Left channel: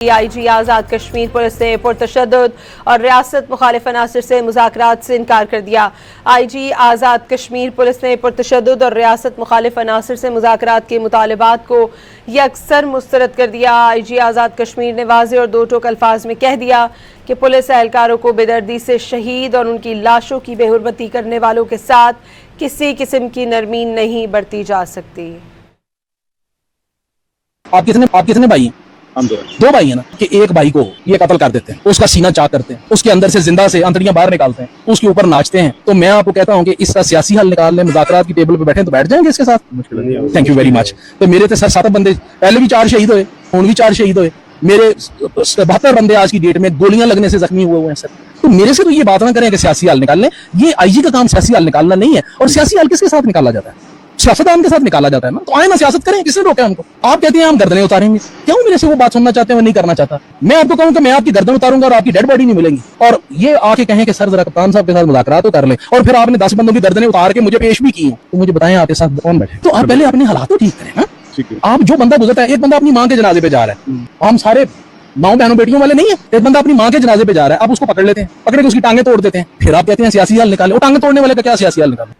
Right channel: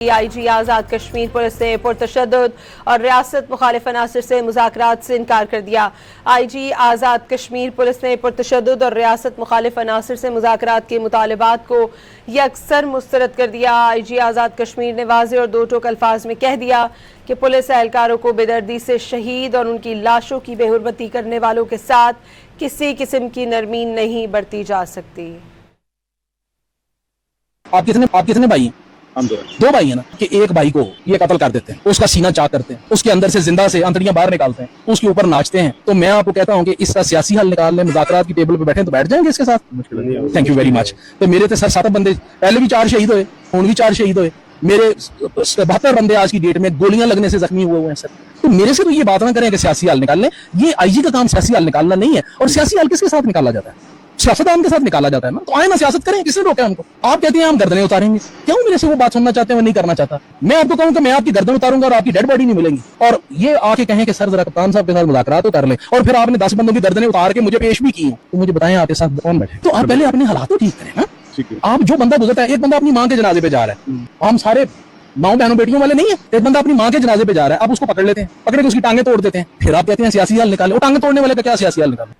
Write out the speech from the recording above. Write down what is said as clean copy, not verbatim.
آئی جی Azad Kashmir police نے پرتشدد اور ریاست مخالف عناصر سے مذاکرات سے انکار کر دیا۔ آئی جی آزاد کشمیر پولیس نے پرتشدد اور ریاست مخالف عناصر سے مذاکرات کے مطالبات کو یکسر مسترد کر دیا۔ آئی جی آزاد کشمیر نے واضح اور دو ٹوک الفاظ میں کہہ دیا کہ پولیس اہلکاروں کو بے دردی سے شہید اور ان کی لاشوں کی بے حرمتی کرنے والوں کے ساتھ کسی قسم کی نرمی نہیں برتی جا سکتی۔ آپ کتنے بھائی ہیں؟ ہم دو بھائی ہیں نا، کہ ایک بھائی کو یہ قتل کر دیتے ہیں، اس کا سینہ چاک کرتے ہیں، اس کے اندر سے زندہ سے انتڑیاں باہر نکالتے ہیں، اس کے اوپر ناچتے ہیں، تو میں آپ کو کہتا ہوں کہ اس کا سیاسی حل نکالنے مذاکرات کی ٹیبل پہ بیٹھیں تو بیٹھ جائیں گے اس کے ساتھ۔ Thank you very much. تو میرے تو سر 7 بندے پہلے بھی 4 شہید ہوئے، ہوں بھی 4 شہید ہوئے، میرے 72 بندے آج کی ڈیٹ میں گولیاں لگنے سے زخمی ہوئے ہیں سر۔ تو میرے سے تو یہ بات نہ کریں کہ سیاسی حل نکال لیں، یہ آئی جی کا کام سیاسی حل نکالنا نہیں ہے، اور سیاسی حل کس کے ساتھ نکالا جاتا ہے؟ سیاستدان کے ساتھ نکالا جاتا ہے نا، تو آئیں نا سیاست کریں، کس نے روکا ہم کو؟ آپ کہتے ہیں ہم گردنیں اتاریں گے، کیوں میرے سے وہ بات سننا چاہتے ہیں وہ نہیں کرنا چاہتا؟ میں آپ کو کہوں کہ میں آپ کی گردن اتاروں گا اور آپ کی ڈیڈ باڈی نہیں ملیں گی، اور یہ آ کے کہیں کہ سر ذرا کپتان صاحب کے ساتھ مذاکرات تو کر لیں، اور پھر آپ نے 10 بندوں کی گردنیں اتار کے مجھے پیش بھی کی ہیں، تو مجھے بتائیں آپ کے ساتھ کون بیٹھے؟ تو آپ پہلے اپنے حالات تو ٹھیک کریں نا۔ آپ جو بندہ گزرتا ہے، ایک بندہ اپنی ماں کے جنازے پہ جا رہا ہے، ہم سارے ماؤں بہنوں بیٹیوں والے نہیں ہیں، ایک بندہ اپنی ماں کے جنازے پہ جا رہا ہے، آپ اس کو پکڑ لیتے ہیں، پکڑ کے اس کی ٹانگیں توڑ دیتے ہیں، پھر آپ کہتے ہیں سیاسی حل نکالیں۔ وہ ٹانگیں توڑنے والے کا کیا سیاسی حل نکالیں؟